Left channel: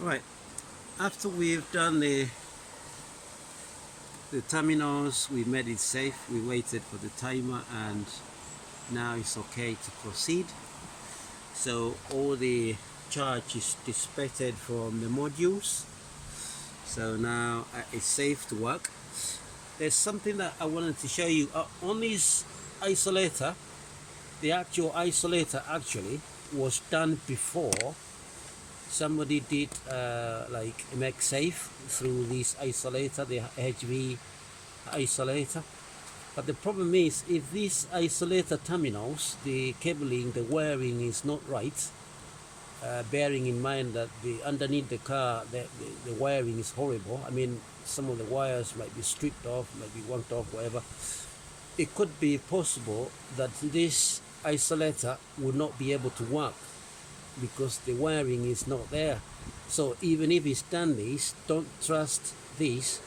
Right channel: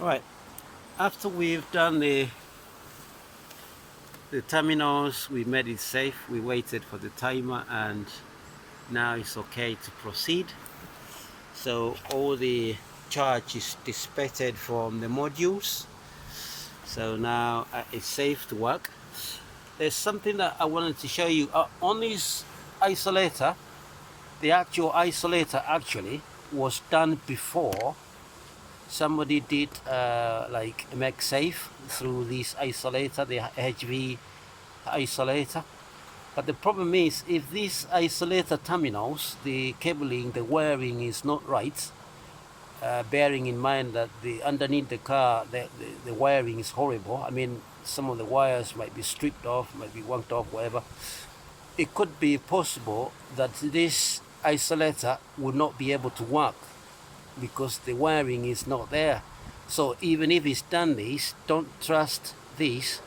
Right, after we've done the terminals, we made it safe, we waited for the timer, and now it's okay to proceed. So all the charge is dissipated from the modules, so now it's safe to work. There's something that I wanted to show you on this isolator. The actual isolator actually was done before somebody did like make safe through this isolator, the HV isolator. But the problem is, if these isolator terminals, the cabling, the wiring is not right, bearing in mind that the underneath the car, the wiring is horrible. I mean, some of the wires might be stripped off, might be wanked off, whatever. It could be possible that this isolator would not be able to work because the wiring is not there. So even if it's done this, don't trust this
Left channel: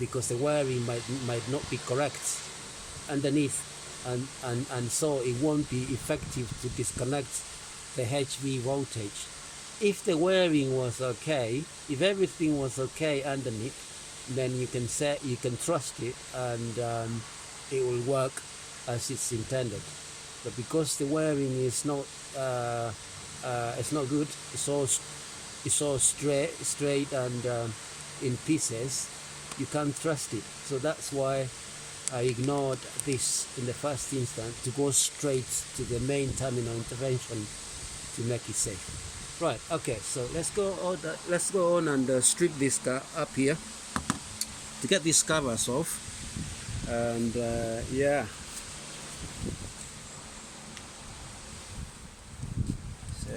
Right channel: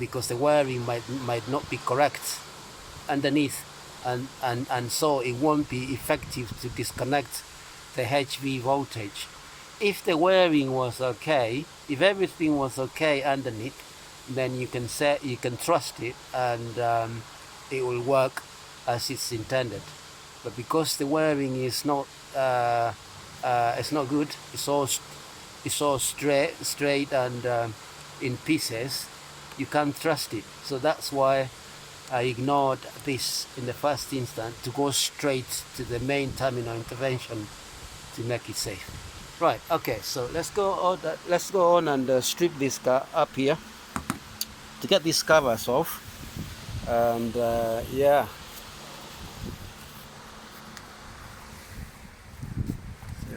because the wiring might not be correct underneath, and so it won't be effective to disconnect the HV voltage. If the wiring was okay, if everything was okay underneath, then you can trust it, and it will work as it's intended. But because the wiring is not it's not good, it's all straight and in pieces, you can't trust it. So that's why I ignored this in the first instance, to go straight to the main terminal intervention to make it safe. Right, okay, so let's go on and strip this car up here to get these covers off. And yeah, so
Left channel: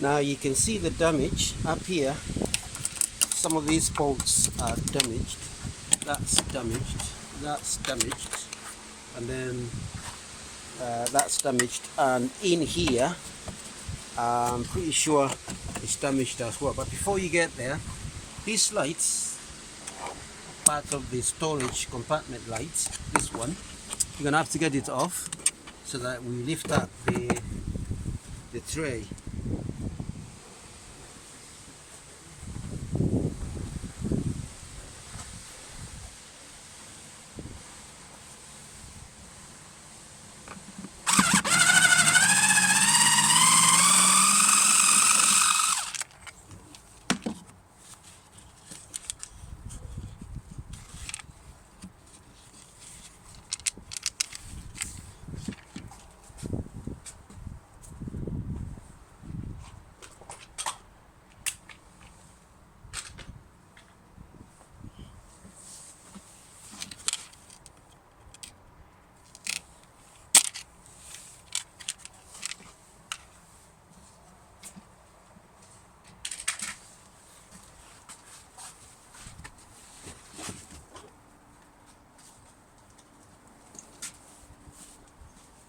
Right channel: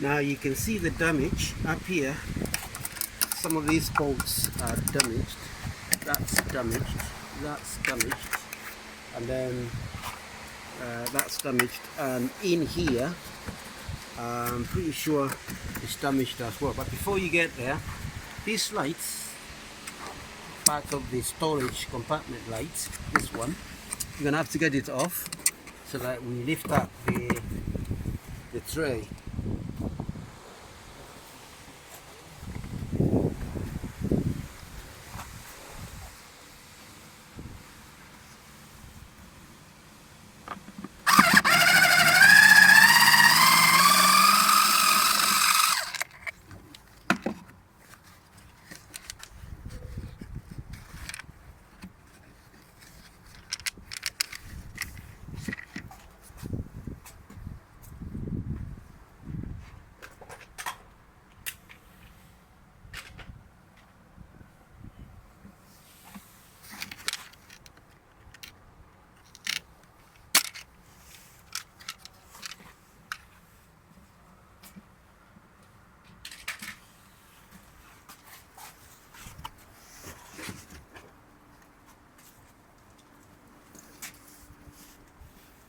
now you can see the damage up here. Some of these bolts are damaged. That's damaged. That's damaged. And then that's damaged. And in here, I'm pretty sure it's damaged as well. But before you get there, these lights, part of the storage compartment lights, this one, you're gonna have to get it off so that we lift up the tray.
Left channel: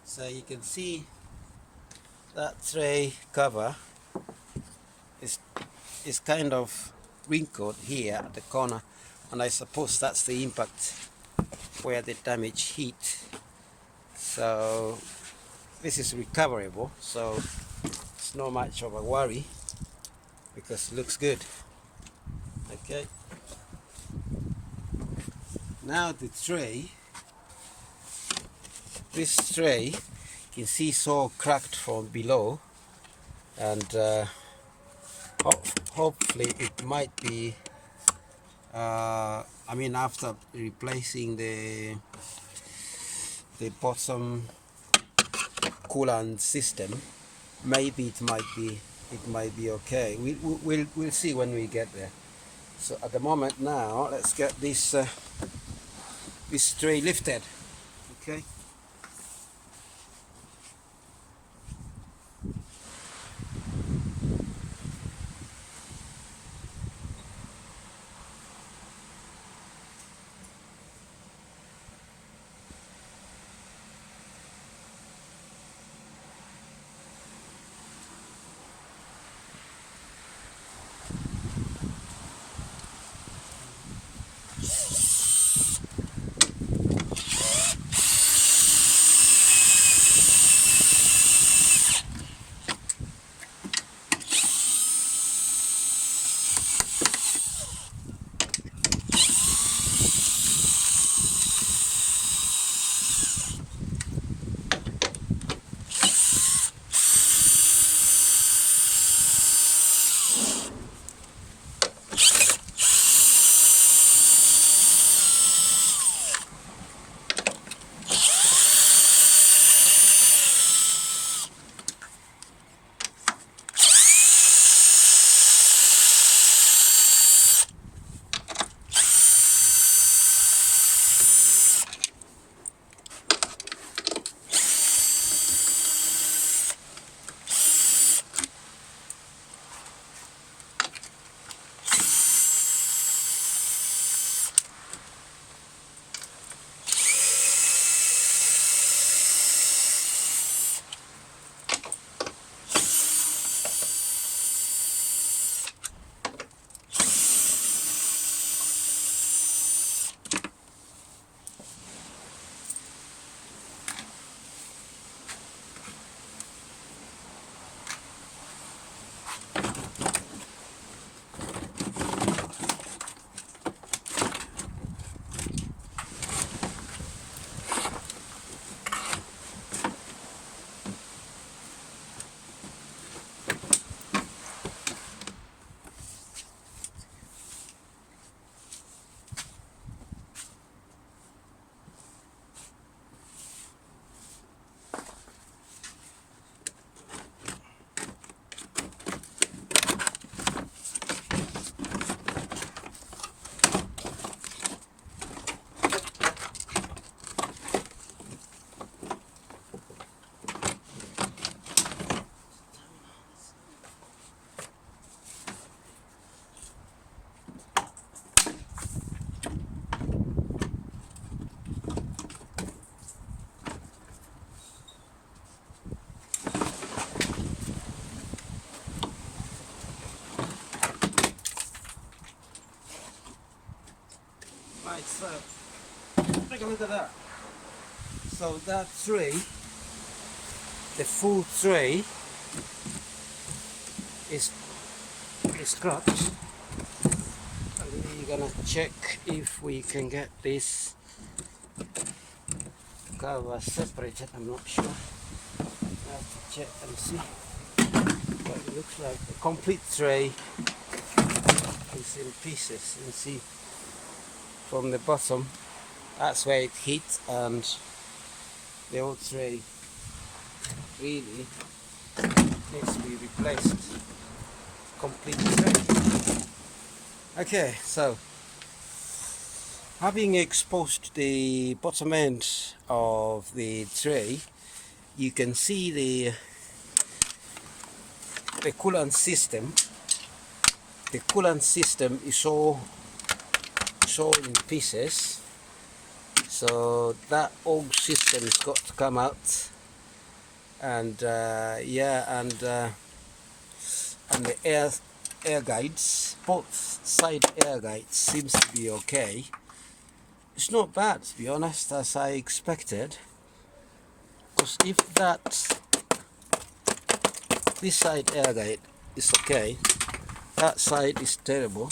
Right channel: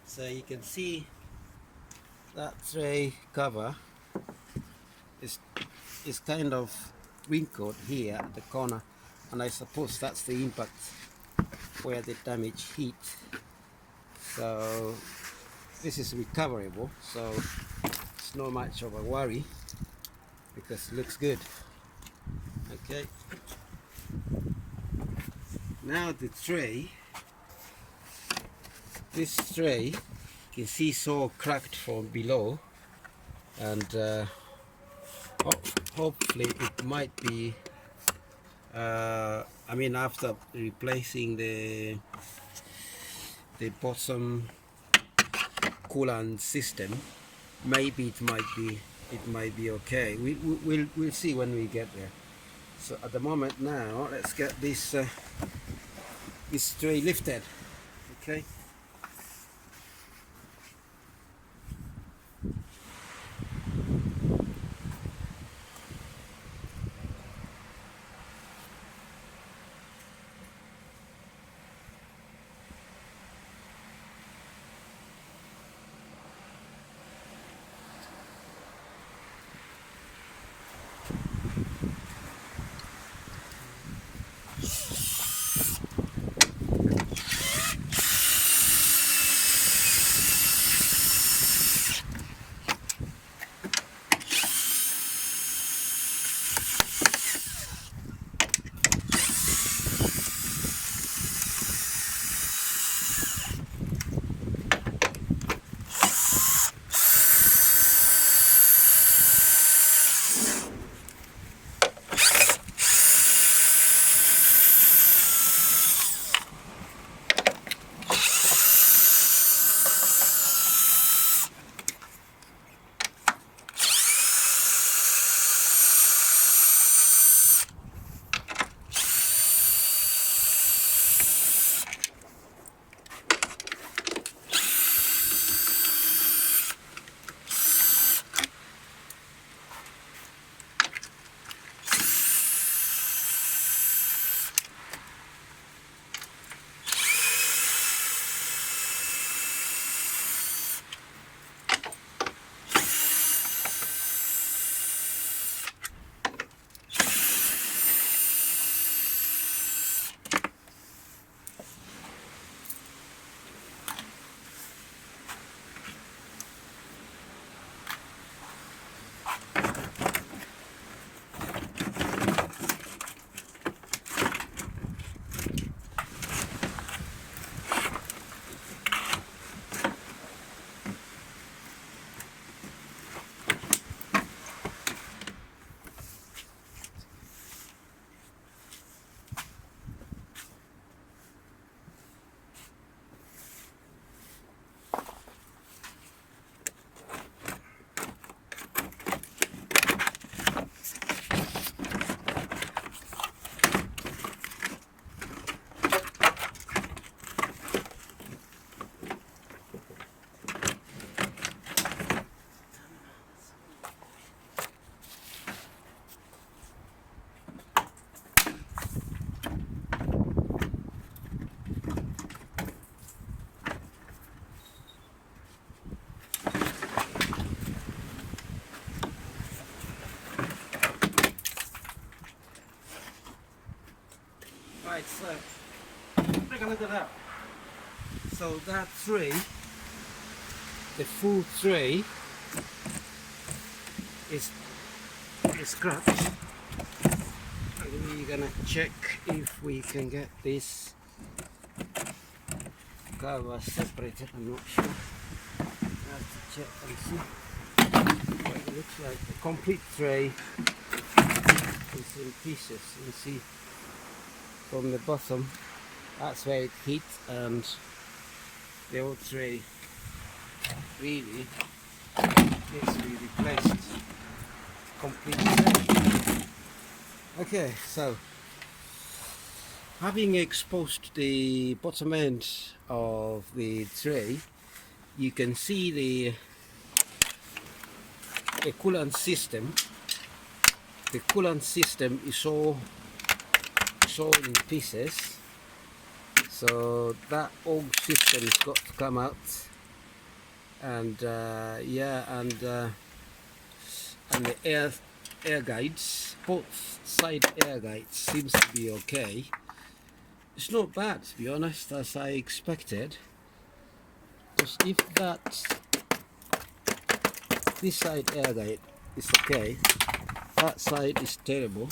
So you can see that tray cover is kind of wrinkled here at the corner, and I suppose that's the impact where the damage hit. So this is recoverable, so it's not much of a worry because it looks good. Okay, now the tray, this tray, you can see it's all cracked from below, and hopefully it might be I mean, after replacing the bottom coolant system, maybe it might be okay. We'll see when we get there. So at the moment now, let's get this this tray lifted. Okay. take a look at that. So that tray, the full tray, is scratched. We're gonna check if we can get this cover separated. I'm not sure. I have to check and see. It looks like the complete tray is in pieces. You see from the bottom, that's where it hits, and the old tray really needs to be replaced. Complete tray. Okay, so having exposed the bottom end of the tray, you can see the coolant system. The coolant system is all in pieces, so that old system has got to come out, and and the air guides, both side air guides seems to be okay. It's not bad, to be honest, as I expected, because if this side air guide is okay, that side is terrible.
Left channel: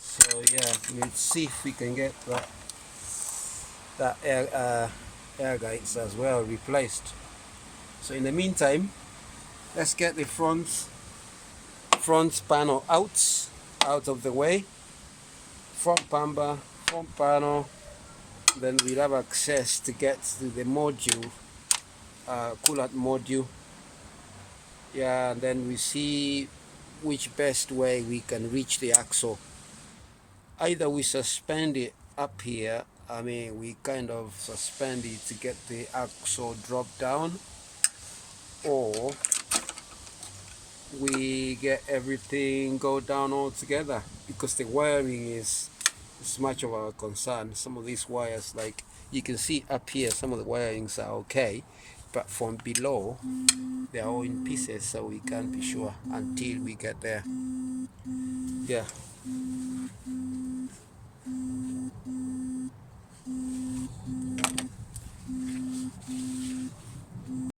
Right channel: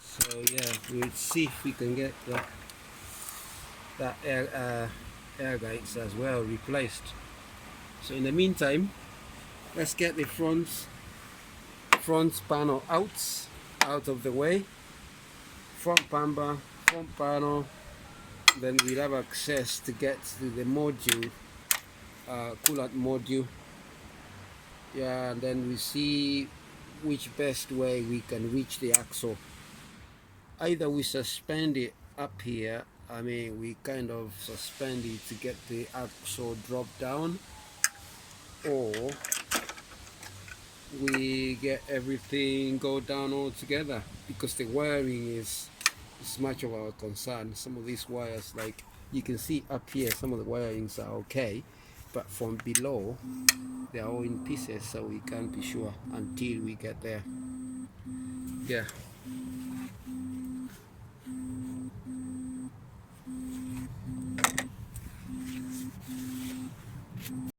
So yeah, we'll see if we can get that air guides as well replaced. So in the meantime, let's get the front panel out of the way. Front panel, then we'll have access to get to the module, coolant module. Yeah, and then we see which best way we can reach the axle. Either we suspend it up here, I mean we kind of suspend it to get the axle drop down, or we get everything go down all together, because the wiring is much of our concern. Some of these wires, like you can see up here, some of the wirings are okay, but from below they are all in pieces, so we can't be sure until we get there. Yeah.